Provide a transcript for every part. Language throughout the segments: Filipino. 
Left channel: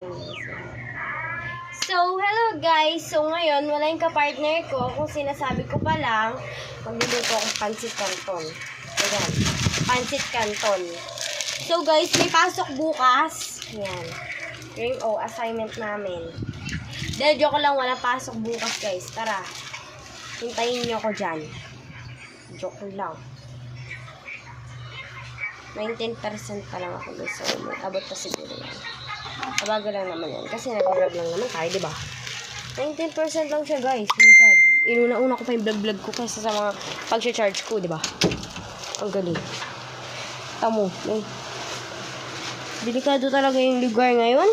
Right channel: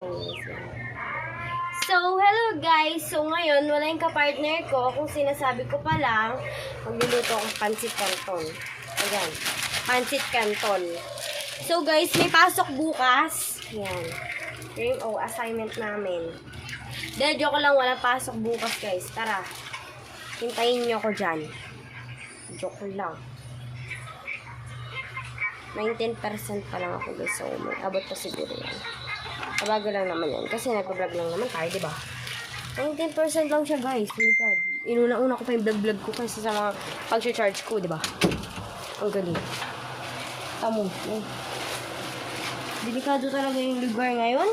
So, hello guys! So, ngayon, wala yung kapartner ko. Kung sinasabi ko pa lang, magluluto akong pancit canton. Ayan, pancit canton. So, guys, may pasok bukas. Ayan. Yung assignment namin. Dahil joke lang, walang pasok bukas, guys. Tara, hintayin nyo ako dyan. Joke lang. 19% pa lang ako, guys. So, abot pa siguro yan. Kabaga lang naman yan. Kasi nag-vlog lang naman tayo, diba? 19% lang siya, guys. Oh my God. Inuna-una ko pa yung vlog-vlog ko kaysa sa mga pag-charge ko, diba? Ang galing. Tamo. Eh. Delikado talaga yung lugar ngayon.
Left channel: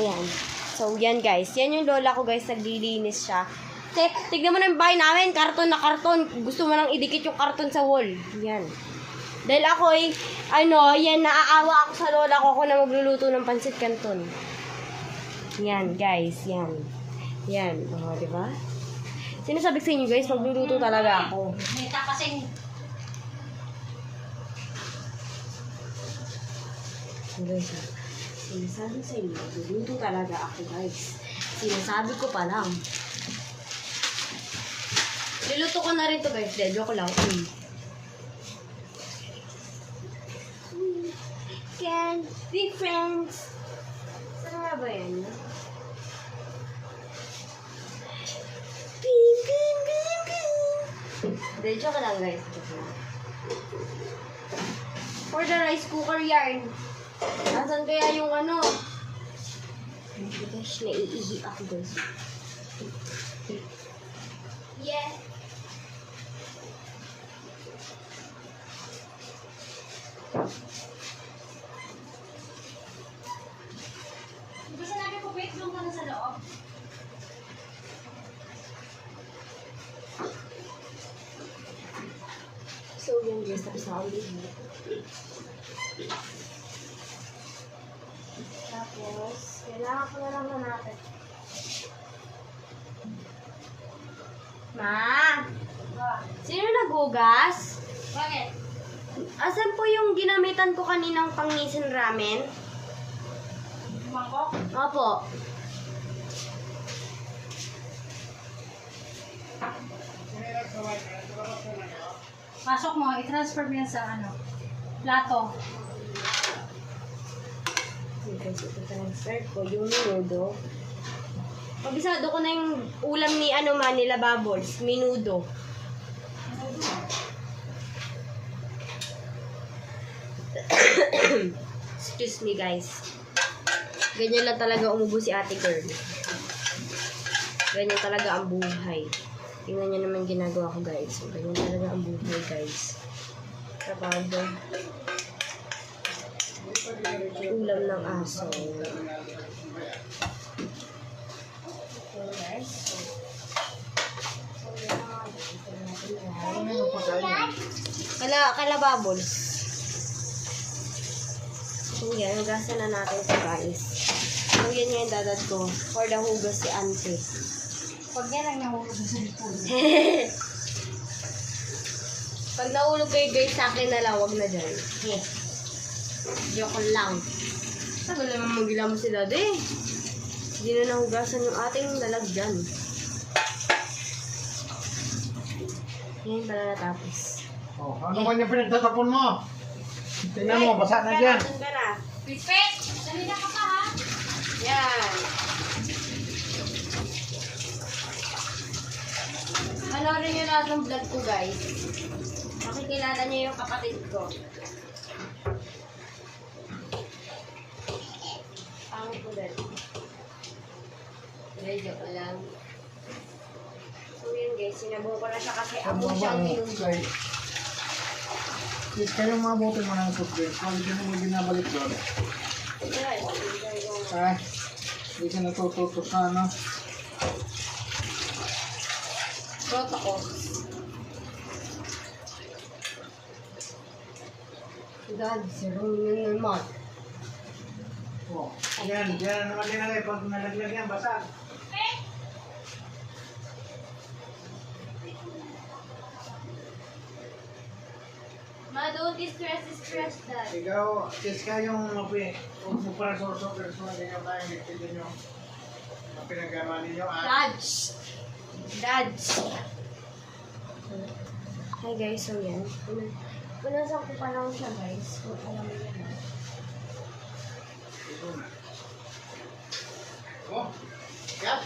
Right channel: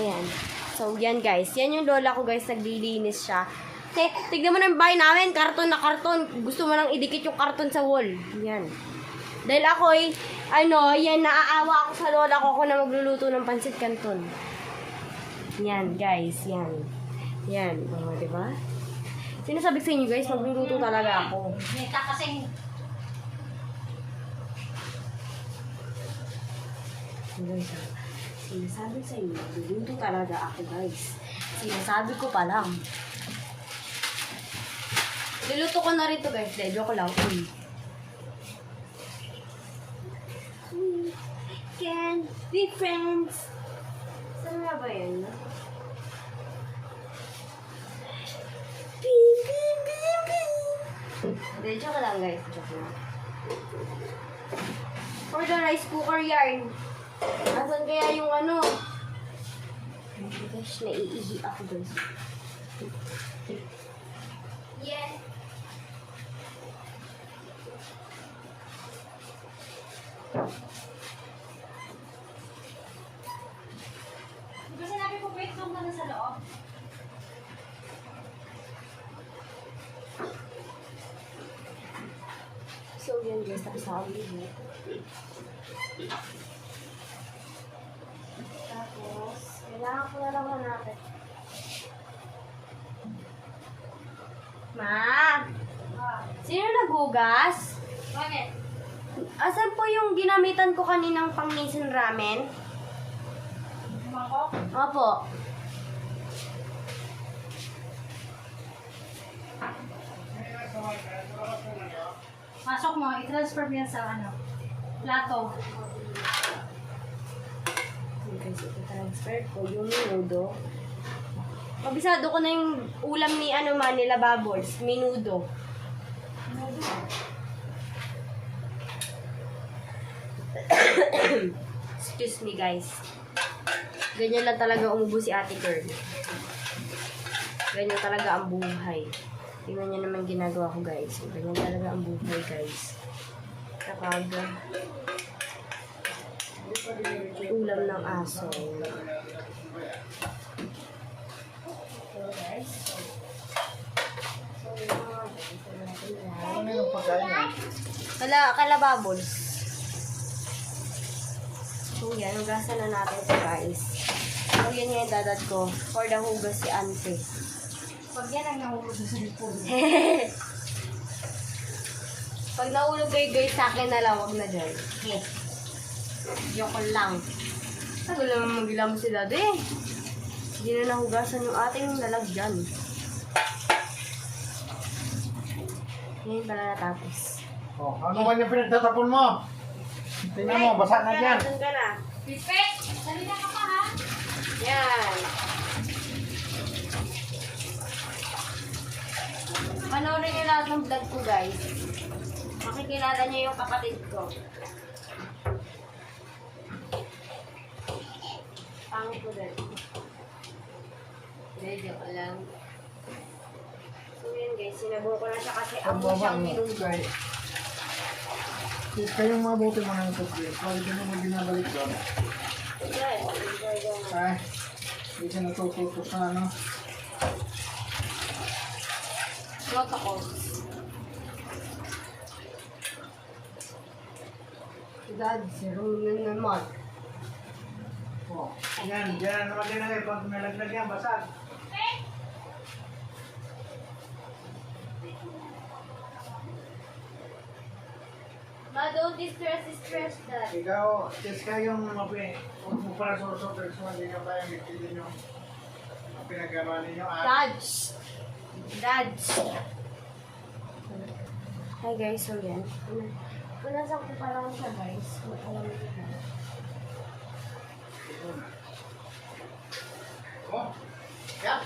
Ayan. So, yan, guys. Yan yung lola ko, guys. Naglilinis siya. Kasi, tignan mo na yung bahay namin. Karton na karton. Gusto mo nang idikit yung karton sa wall. Yan. Dahil ako yan, naaawa ako sa lola ko na magluluto ng pancit canton. Yan, guys, yan. Yan, diba? Sinasabi sa inyo, guys, magluluto talaga ako. Neta kasing... Guys, sinasabi sa inyo, magluluto talaga ako, guys. Sinasabi ko pa lang. Niluto ko na rin to, guys. Joke lang. Can be friends. Saan nga ba yan? Bing, bing, bing, bing. Joke lang, guys. Joke lang. For the rice cooker yarn. Asan kaya yung ano? Gosh, naiihi ako, guys. Yeah. Kasi nabi po, wait lang na sa loob. So, yun guys, tapos na akong lihi. Tapos, kailangan ko na lang hanapin. Ma! Sino naghugas? Bakit? Asan po yung ginamitan ko kaninang pang-nisin ramen? Mangkok? Opo. Pasok mo, i-transfer mo yan sa ano, plato. Okay, so transfer ko yung minudo. Pabisado ko na yung ulam ni nila Bubbles, minudo. Excuse me, guys. Ganyan lang talaga umubo si ate girl. Ganyan talaga ang buhay. Tingnan niyo naman ginagawa ko, guys. Ganyan talaga ang buhay, guys. Kapag ulam ng aso. Okay, guys. Kala Bubbles. So, yan. Hugasan na natin ito, guys. So, yan yung dadad ko. For the hugas si auntie. Pag yan ang nahulog sa lipod. Pag naulog kayo, guys, sa akin na lang. Wag na dyan. Yes. Joke lang. Tagal naman magila mo sila, de. Hindi na nahugasan yung ating lalagyan. Ngayon pala natapos. Oh, ano man yung pinagtatapon mo? Tingnan mo, basa na dyan. Saan ka na? Pipet! Salita ka pa ha? Yan. Panoorin nyo lahat ng vlog ko, guys. Makikilala niyo yung kapatid ko. Pangit ko din. Hindi, joke lang. So yun, guys. Sinabuo ko na siya kasi ako siyang tinunggol. Kayong mabuti mo ng toothbrush. Pag hindi mo ginabalik doon. Yan. Hindi ka natututo sa ano. Protocol. God, zero yun naman. Oh, yan naman din ang pag nalaglag yan, basag. Ma, don't stress that. Ikaw, test ka yung huwag mo para sorso, pero sa hindi ka tayo nagtitin yung pinagawa ninyo. Dads. Hi guys, so yan. Punasan ko pa lang siya guys. Alam mo yan. Oh, yeah.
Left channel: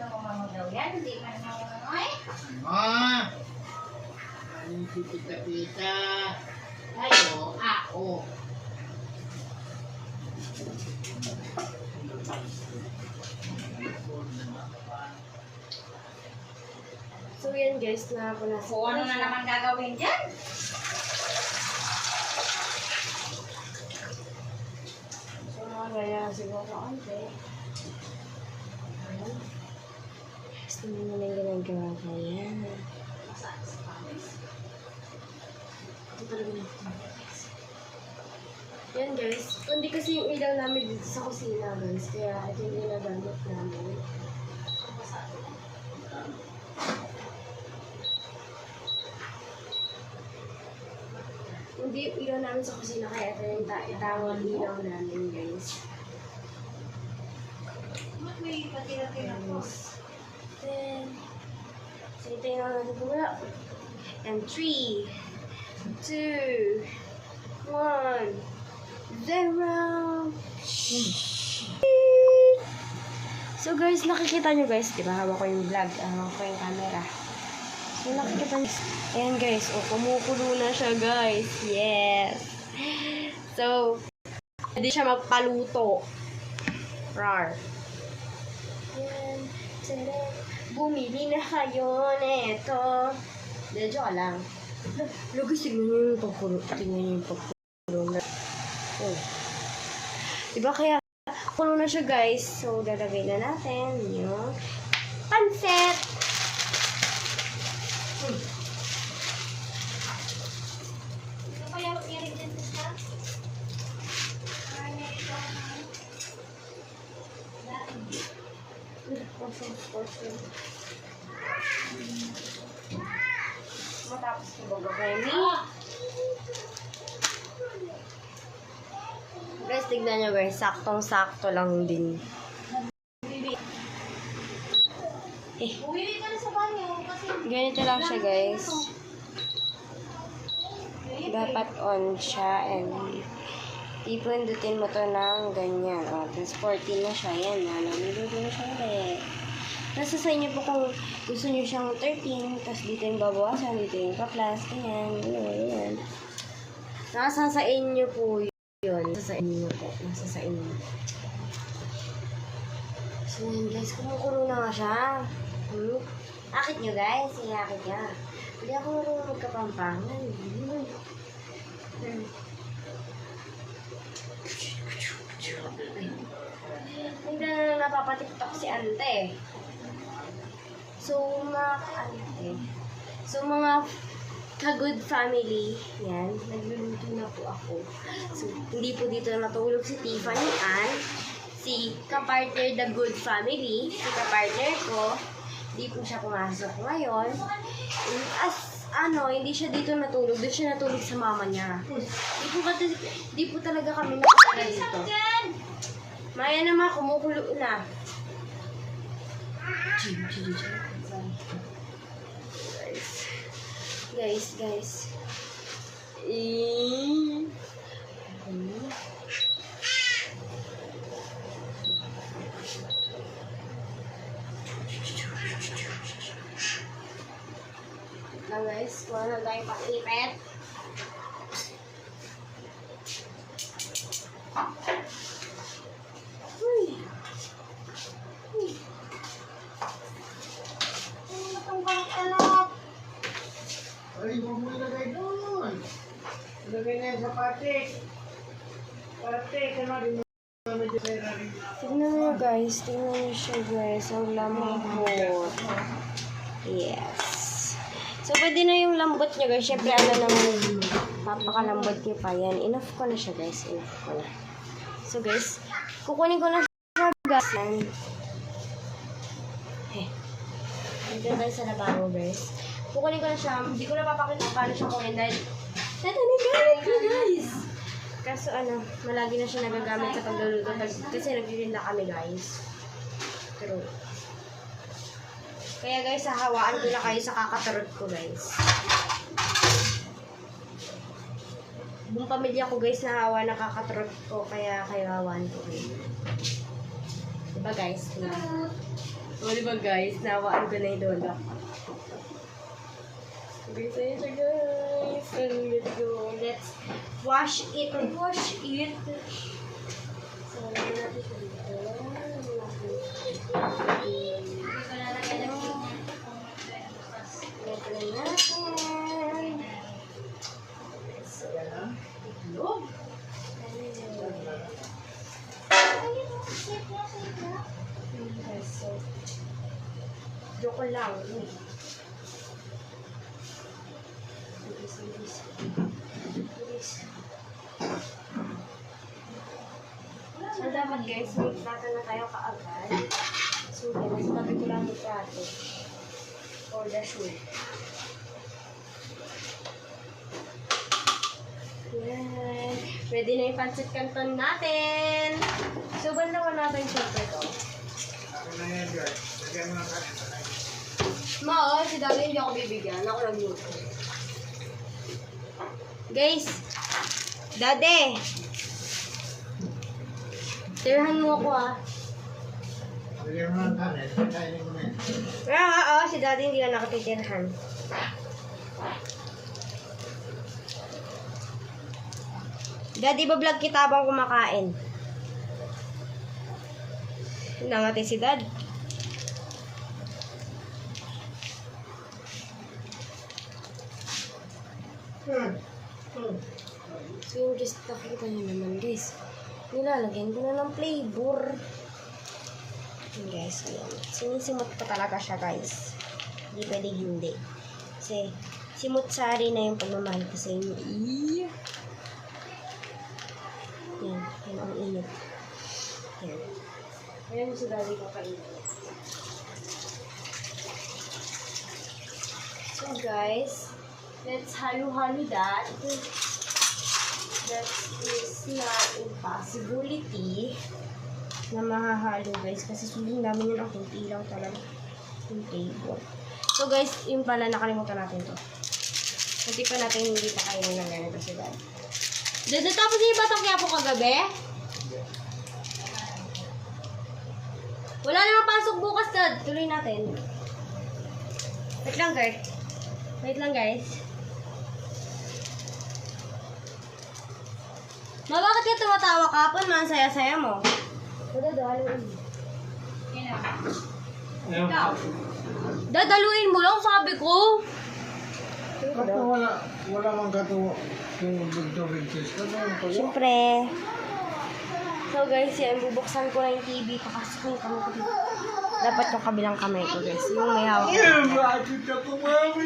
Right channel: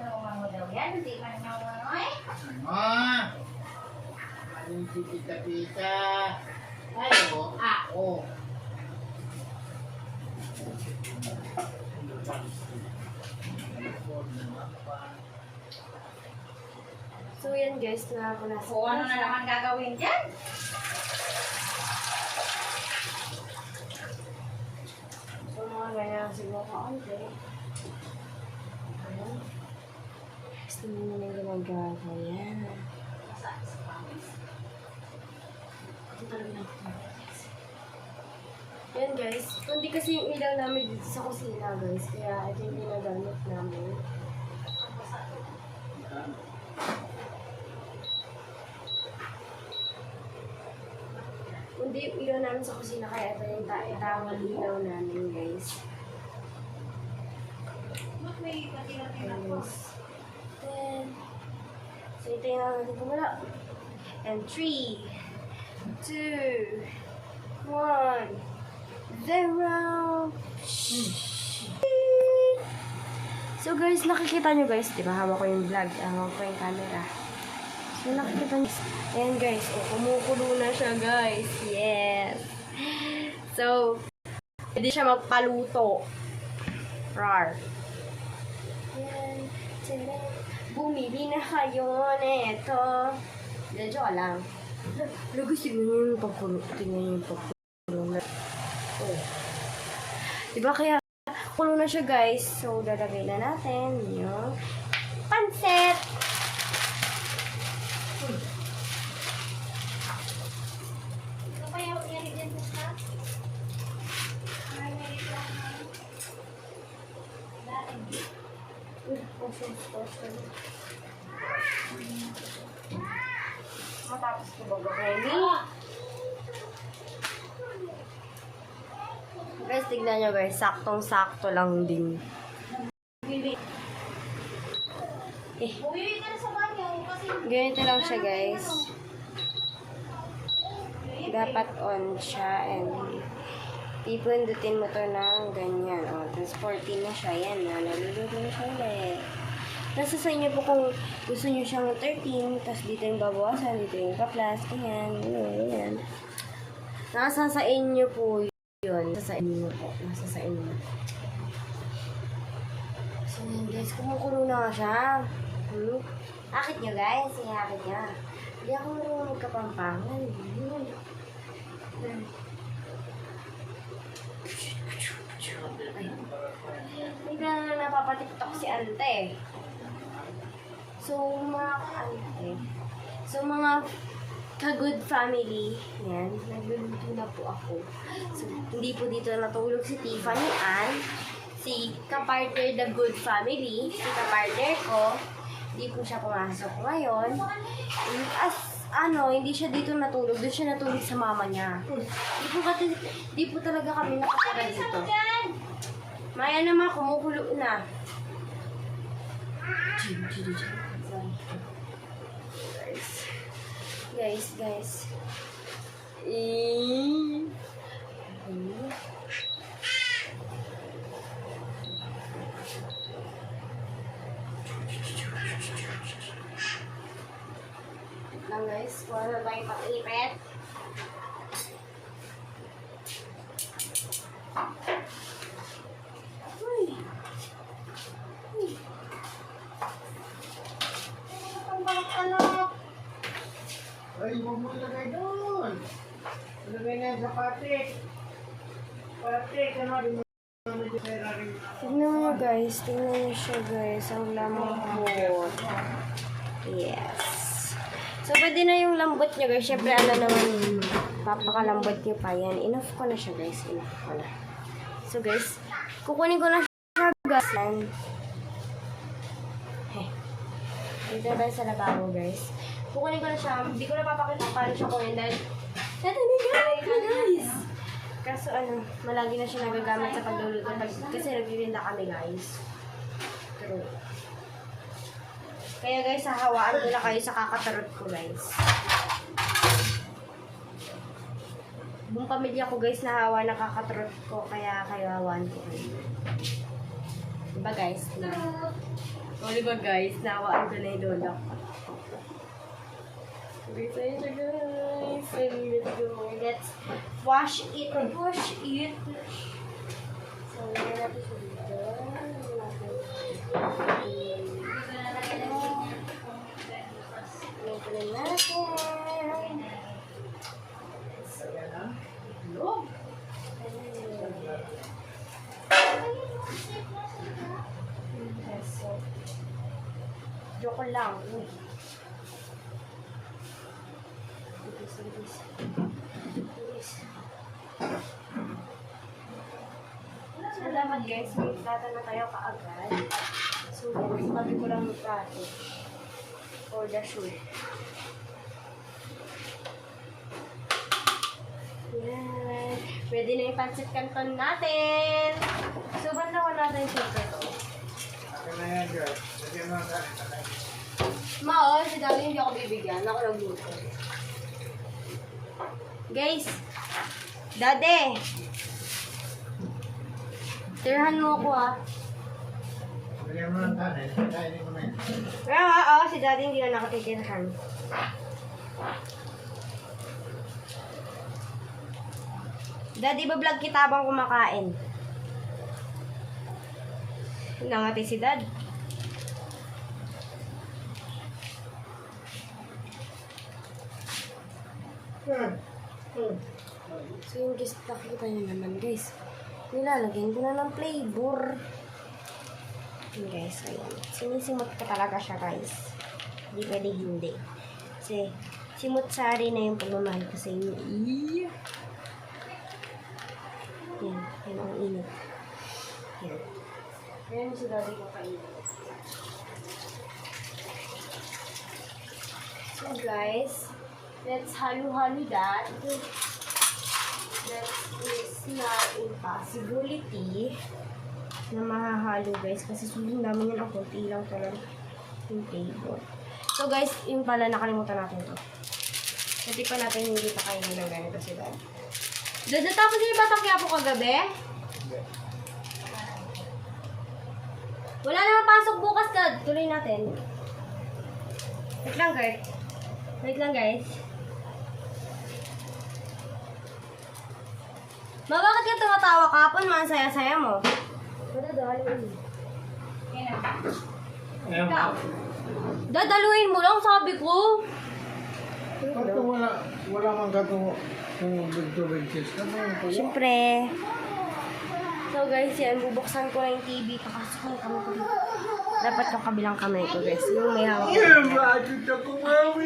Nangungo daw yan, hindi man nangungo eh. Ano si tita-tita? Ano? Oh. So yan guys, na punasan Kung ano na naman gagawin dyan? So mga ganyan siguro konti. Ayan. Gusto mo na yung ginagawa ko yan. Yan guys, kundi kasi yung ilaw namin dito sa kusina guys, kaya ito yung ginagamit namin. Kundi yung ilaw namin sa kusina, kaya ito yung itawag ilaw namin guys. May patira-tira ko. Guys. Then, so ito yung natin kumula. And 3, 2, 1, 0. So guys, nakikita nyo guys, di ba? Hawak ko yung vlog, hawak ko yung camera. So nakikita nyo, ayan guys, kumukulo na siya guys. Yes. So, hindi siya magpaluto. Rar. Ayan. Tada. Bumili na kayo neto. Joke lang. Lugos, tignan nyo yung pagkulo. Tignan nyo yung pagkulo. Oh. Diba kaya, kulo na siya guys. So, lalagay na natin yung pansit. Ito pa yung ingredients na? Matapos ko bagay. Guys, tignan nyo guys. Saktong-sakto lang din. Bumili ka na sa banyo kasi Ganito lang siya guys. Dapat on siya and ipindutin mo to ng ganyan. O, tapos 14 na siya. Yan na. Naluluto na siya ulit. Nasa sa inyo po kung gusto nyo siyang 13, tapos dito yung babawasan, dito yung pa-plus. Ayan. Ayan. Nasa sa inyo po yun. Nasa sa inyo po. Nasa sa inyo. So yun guys, kumukulo na nga siya. Akit nyo guys. Yung akit niya. Hindi ako marunong magkapampangan. Hindi na napapatiktok si ante. So, mga ante. So, mga ka-good family. Yan. Nagluluto na po ako. So, hindi po dito natulog si Tiffany Ann. Si kapartner the good family. Si kapartner ko. Hindi po siya pumasok ngayon. Hindi siya dito natulog. Doon siya natulog sa mama niya. Di po talaga kami nakatala dito. Maya naman, kumukulo na. Guys. Lang guys, kung ano tayong pag-ipit. Ay, huwag mo ilagay doon. Ilagay na yan sa patik. Patik, ano rin yung Tignan nyo guys, tignan nyo siya guys, ang lambot. Yes. So, pwede na yung lambot nyo guys. Siyempre, naman, papakalambot nyo pa yan. Enough ko na siya guys, enough ko na. So guys, kukunin ko na siya guys. Dito tayo sa lababo guys. Kukunin ko na siya, hindi ko na papakita paano siya kunin dahil Ito na gamit ko, guys. Kaso ano, malagi na siya nagagamit sa pagluluto kasi nagbirin na kami, guys. Pero, kaya guys, hahawaan ko na kayo sa kakatarot ko, guys. Buong pamilya ko, guys, nahawa na kakatarot ko, kaya hawaan ko kayo. Diba, guys? O, diba, guys? Nahawaan ko na yung lolo. Guys, and let's go. Let's wash it. Wash it. So, lagyan natin siya dito. Lagyan natin. So, so, joke lang. Uy. So, dapat guys, may plato na tayo kaagad. So, guys, tabi ko lang yung plato. For the shoot. Yan. Pwede na yung pancit canton natin. So, bandawan natin syempre to. Ako na yan, guys. Lagyan mo na kanin. Ma, si Daddy hindi ako bibigyan. Ako nagluto. Guys, Daddy! Tirahan mo ako ah. Lagyan mo ng kanin. Kainin mo na yan. Oo, si Daddy hindi na nakatitirhan. Daddy, bablog kita habang kumakain. Nangati si Dad. So yung guys, nakikita nyo naman guys. Nilalagyan ko na ng flavor. Yun guys, ayan. Sinisimot ko talaga siya guys. Hindi pwede hindi. Kasi simut-sari na yung pagmamahal ko sa inyo. Yan, yan ang init. Yan. Ayan yung sigari ko kainit. So guys, let's halo-halo that. That is not a possibility na mahahalo guys. Kasi sobrang dami yun ang kunti lang to lang yung table. So guys, yung pala nakalimutan natin to. Hindi pa natin hindi pa kainin ng ganito si Dad. Dada, tapos yung batang Quiapo kagabi? Wala naman pasok bukas, Dad. Tuloy natin. Wait lang, Gert. Wait lang, guys. Ma, bakit ka tumatawa kapon? Mga saya-saya mo. Dadaluin. Yan na. Ayan. Ikaw. Dadaluin mo lang, sabi ko. Ako wala mang gato kung tubig cheese. Ano yung tuwa? Siyempre. So guys, yan, bubuksan ko na yung TV. Pakasok yung kamay ko dito. Dapat yung kabilang kamay ko guys. Yung may hawak ko. Aray,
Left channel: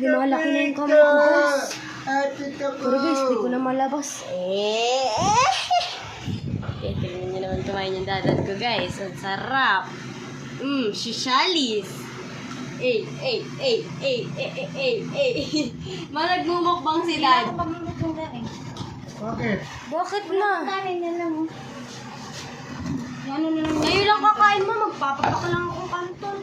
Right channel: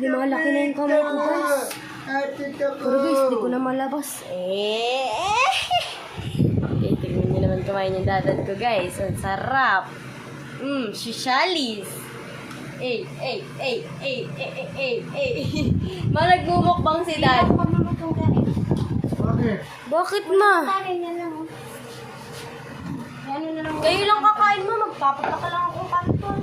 lumalaki na yung kamay ko guys. Pero guys, di ko na malabas. Okay, tingnan nyo naman kumain yung dadat ko guys. Ang sarap. Shishalis. Nagmumukbang si Dad. Bakit? Bakit na? Yan lang mo. Yan na lang. Ngayon lang kakain mo, magpapapaka lang akong kanton.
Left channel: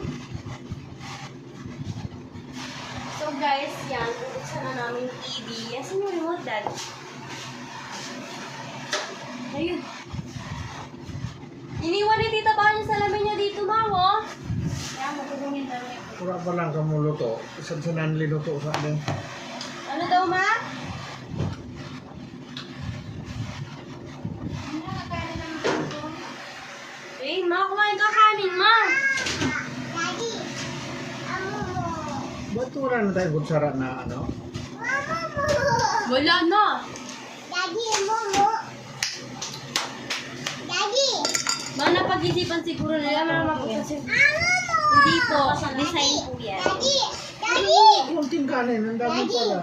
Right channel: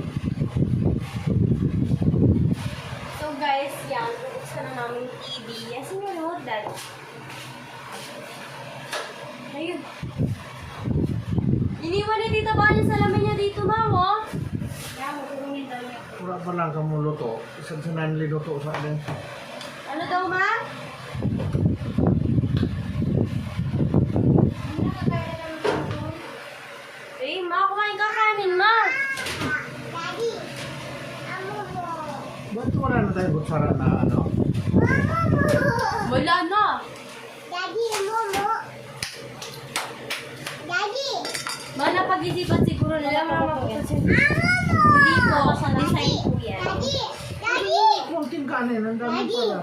So guys, yan, bubuksan na namin yung TV. Asan yung remote, Dad? Ayun. Iniwan ni Tita Banya sa lamin niya dito, Ma'am, oh. Kaya matulungin daw niya. Pura pa lang ka mo luto. Isang sananli luto sa atin. Ano daw, Ma? Ma, kumain ka kanin, Ma. Ba't wala na tayo butsara na ano? Wala na. Ma, napag-isipan siguro nila, mapapansin. Hindi po, design po yan. Kunting kanin, ang dami pala.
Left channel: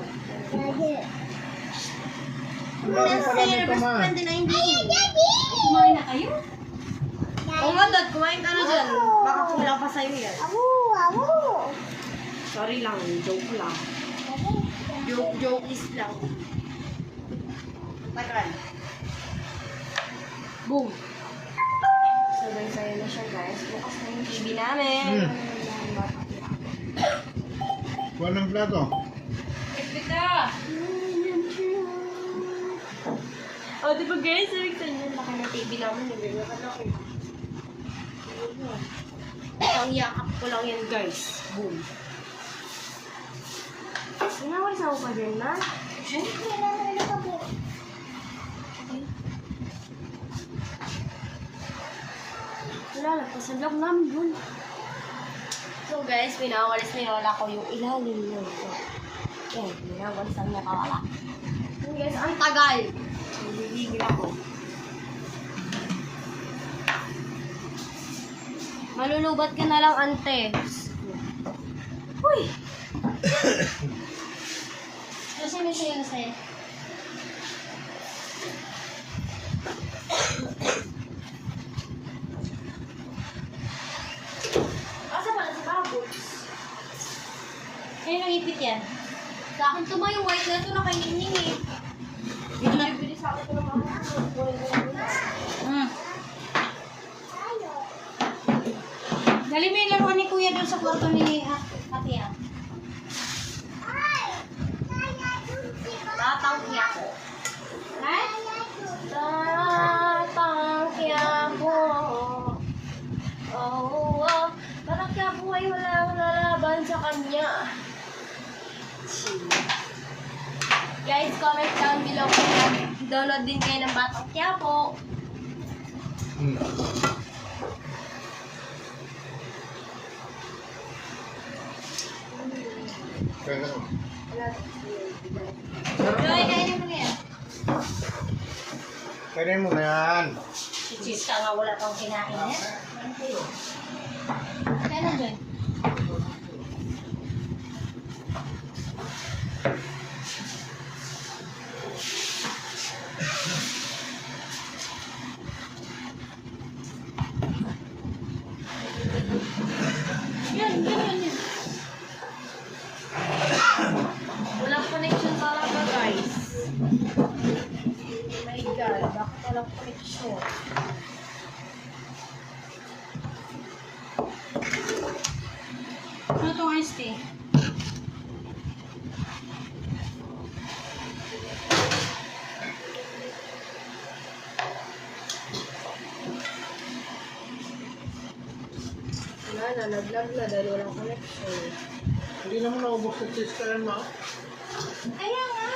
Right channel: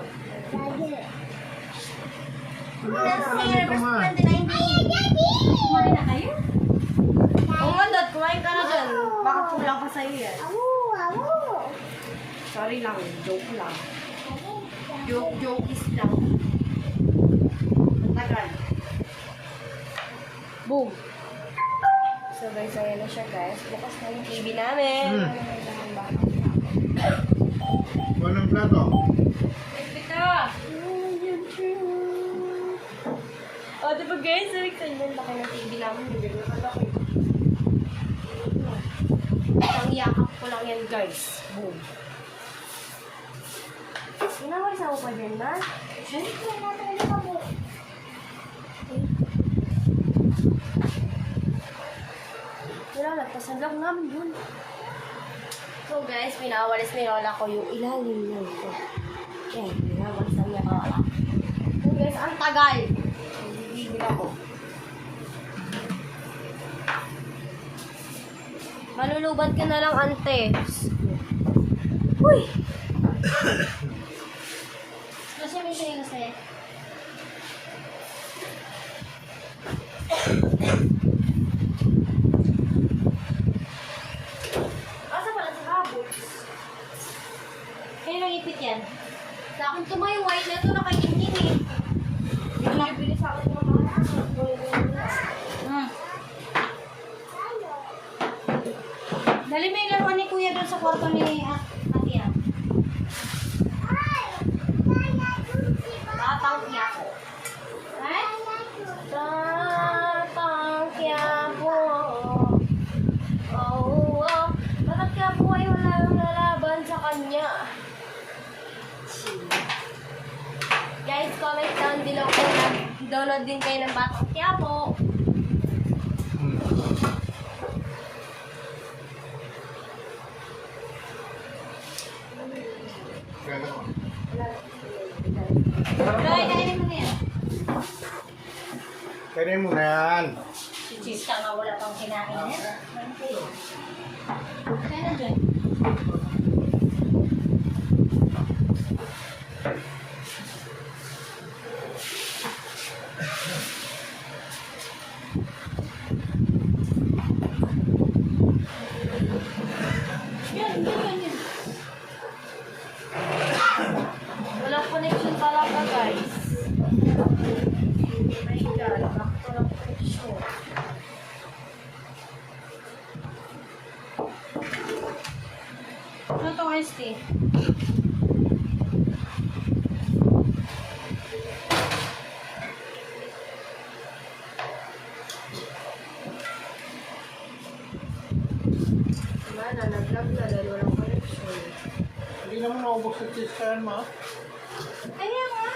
Kumain na kayo? Oo nga, Dad, kumain ka na dyan. Baka kulang pa sa'yo yan. Sorry lang, joke lang. Joke-jokes lang. Ang tagal. Boom! So, nagsaya na siya, guys. Bukas na yung TV namin. Buwan ng plato. Pita! O, diba guys? Sabi ko yun, laki ng TV namin. Yung ganyan ka laki. Ang yakap ko lang yan, guys. Boom. Inawalis ako pa dyan, na? Siyempre, namin na po. Wala, nagpasan lang namin yun. So guys, pinawalis ni Lola ko yung ilalim nun. Yan, pinawalis lang niya kawala. So guys, ang tagal. Bibigil ako. Malulubat ka na lang, ante. Uy! Kasi may sa'yo na sa'yo. Asa pala si Rabots? Kayo nang ipit yan. Sa akin tuma yung white na ito na kay Nining eh. Bili sa akin ito ng mga Hmm. Dali mo yung laruan ni Kuya doon sa kwarto ni Ate Ann. tatangki ako. Ha? Tatangki ako. Oh, oh. Bakit ka po ay walang lalaban sa kanya? Guys, comment down below kung download din kayo ng Batang Quiapo. Kaya naman. Joy, kainin mo yan. Kaya mo na yan. Si Cheese ka nga wala pang kinain yan. Kaya na, Joy. Yan, yan. Walang connection talaga, guys. Oh my God, bakit walang connection? Ano itong iced tea? Wala na, nag-lag na dahil walang connection. Hindi naman naubos sa cheese ka yan, ma. Kaya nga.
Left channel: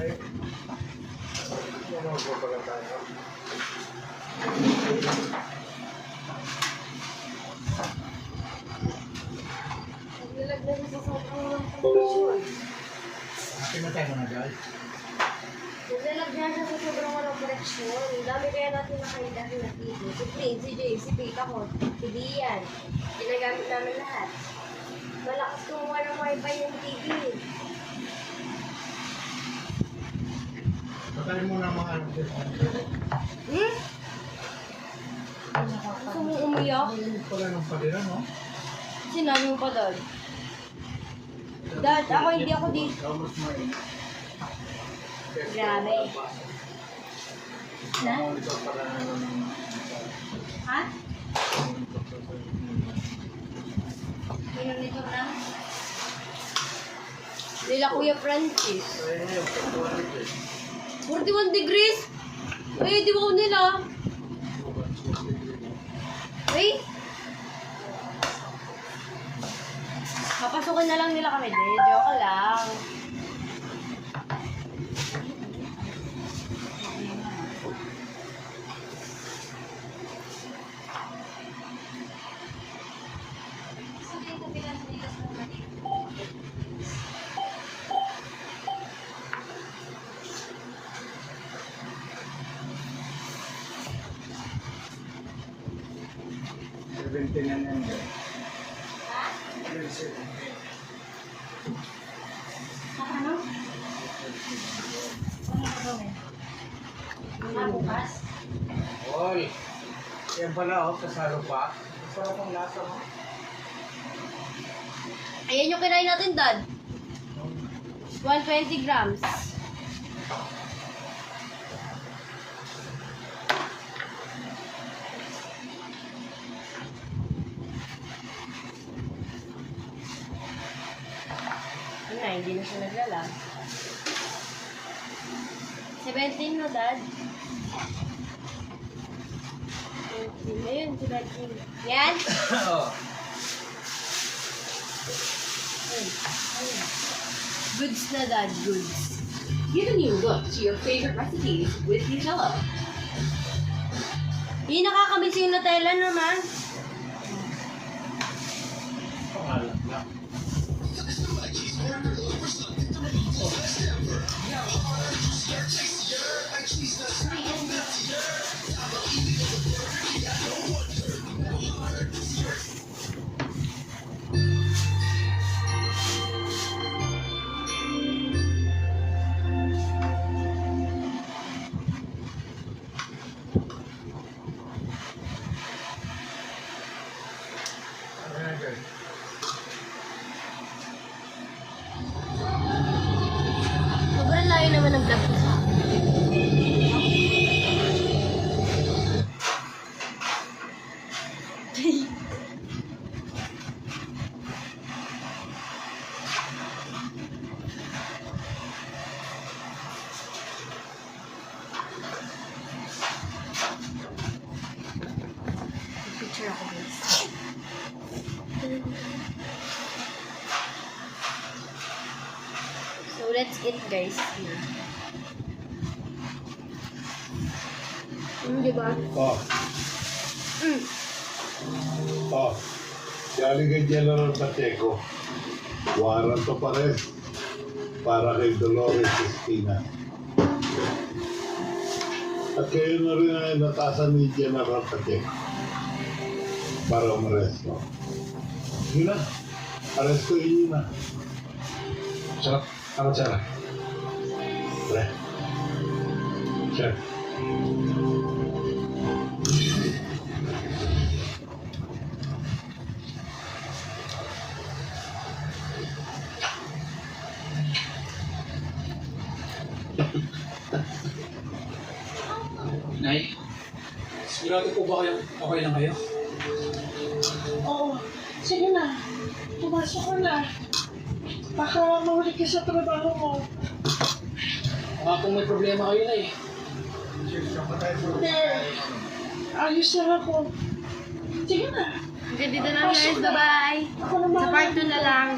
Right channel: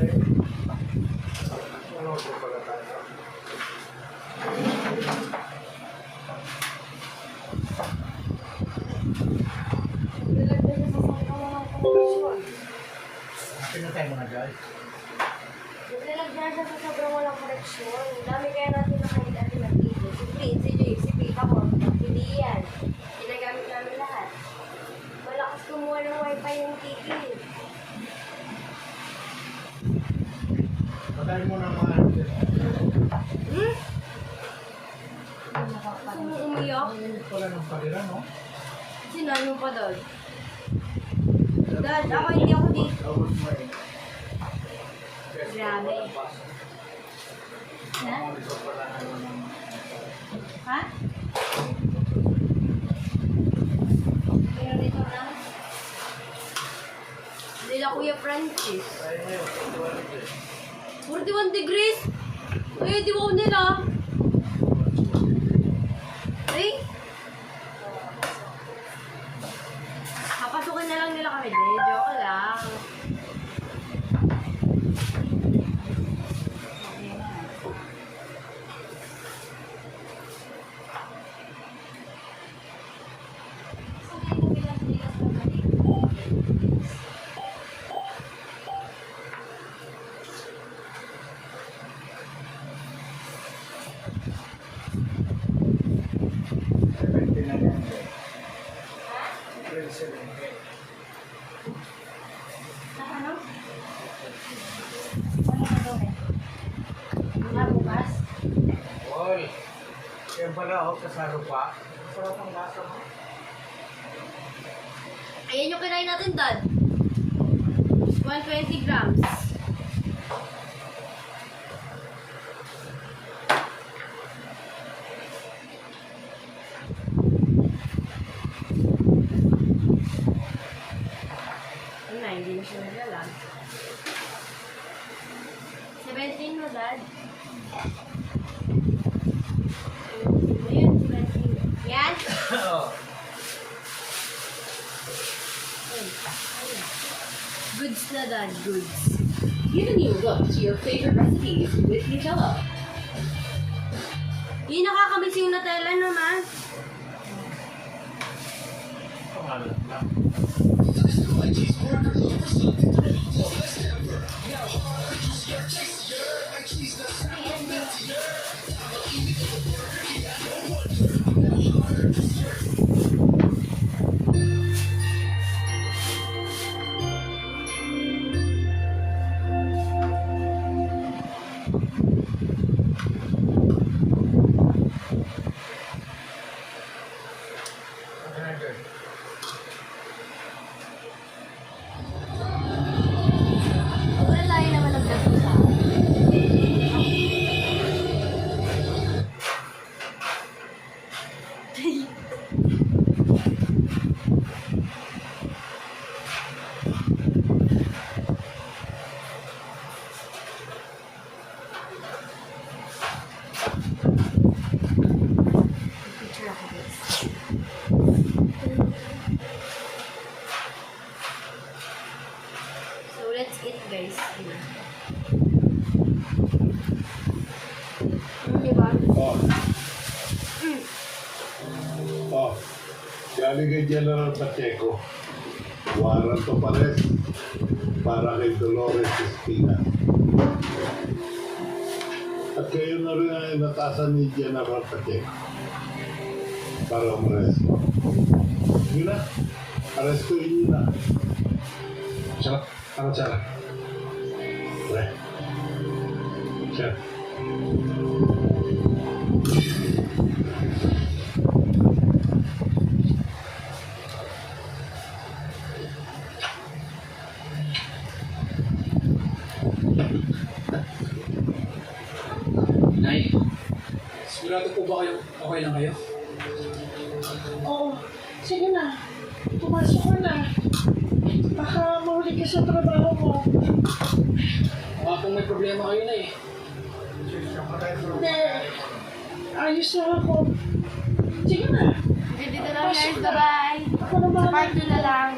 Ay. Ano po pala tayo? Nag-lag na siya sa sobrang walang connection. Pinatay mo na, guys. Nag-lag na siya sa sobrang walang connection. Dami kaya natin nakita rin ng TV. Si Prince, si Jay, si Pita ko, si Lian. Ginagamit namin lahat. Malakas kumuha ng wifi yung TV. Patay mo na mga ano. Hmm? Gusto mo umiyak? Ay, pala ng palira, no? Sinabi mo pa, Dad. Dad, ako hindi ako dito. Tapos may... Grabe. Na? Monitor pala nila ng... Ha? Monitor lang? Nila Kuya Francis. Ay, ngayon, 41 degrees? Eh, di ba nila? Wait. Papasukin na lang nila kami. Di, joke lang. Yan pala, kasalo pa. Sarap ang lasa mo. Ayan yung kinain natin, Dad. 120 grams. Ano na, hindi na siya naglalang. 17 no, Dad? 17 na yun, 17. Yan? Oo. Goods na, Dad, goods. Give a new look to your favorite recipes with Nutella. Yung nakakamiss yung Nutella naman. Pangalan lang. Ano na dyan? Sobrang layo naman ng vlog ko sa akin. Picture ako, guys. So, let's eat, guys. Diba? Oh. Oh. Galing kay General Pacheco. Warrant of arrest para kay Dolores Espina. At kayo na rin ang inatasan ni General Pacheco para umaresto. Yun na. Arestuin nyo na. Sarap. Ako sarap. Pre. Chef. Nay, sigurado po ba kayo okay lang kayo? Oo, sige na. Pumasok ko na. Baka mahuli ka sa trabaho mo. Baka kung may problema kayo na eh. Hindi. Ayos na ako. Sige na. Okay, dito lang, guys. Bye-bye. Ako na Sa part 2 na lang.